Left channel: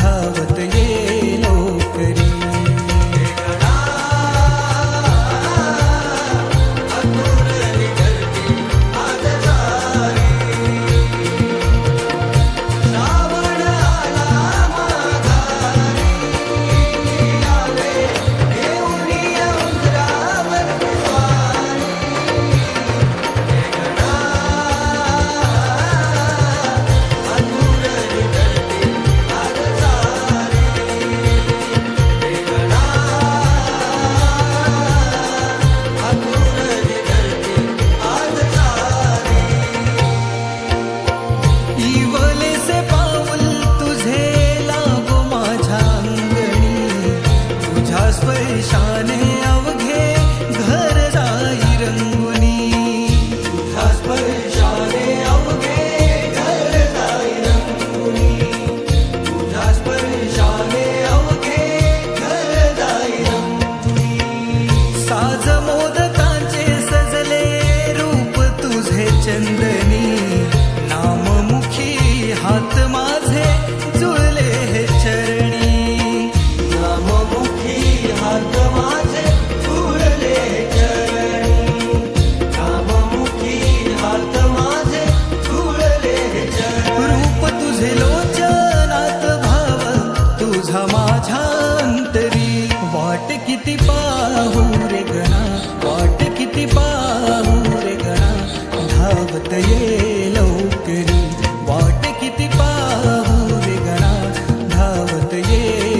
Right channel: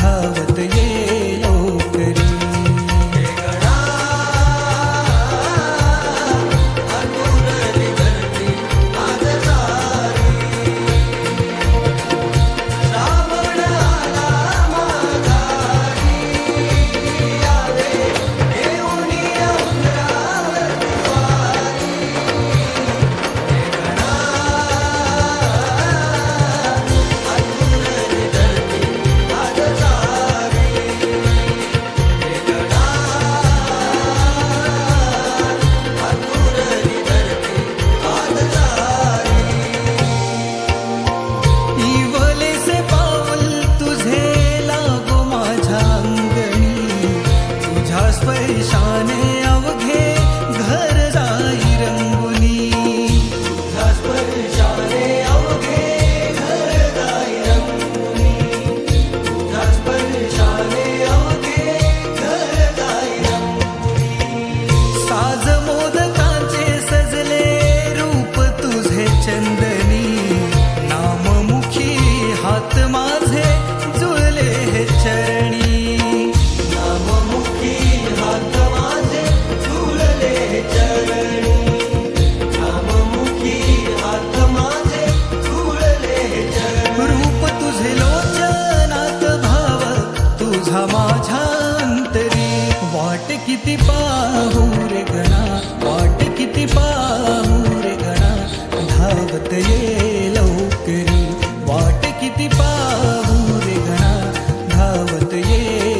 धावत ये लोकरी पैशाने अवघे घर जाई रंगुनी साज मोदकांचे सजले रूप तुझे चंदनी नाममुखी हात माझे जुळले हे चरणी माझे लोचनात भाव तुझा माझ्या अंतरी वाट किती पाहू रे गणा वाट किती पाहू रे गणा धावत ये लवकरी वाट किती पाहू रे गणा धावत ये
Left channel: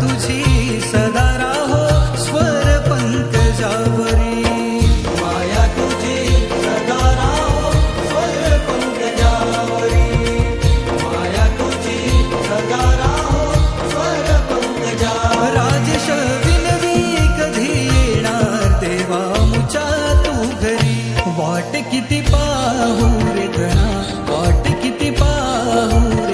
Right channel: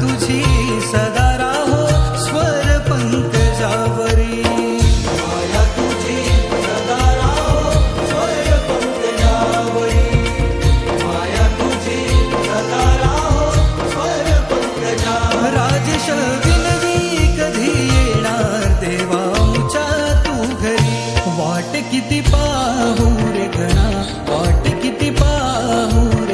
तुझी सदा राहो स्वर पंकजावरी देवा मुचा तू घरी वाट किती पाहू रे गणा वाट किती पाहूर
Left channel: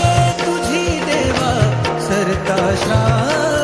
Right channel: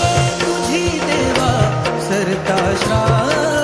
श्रा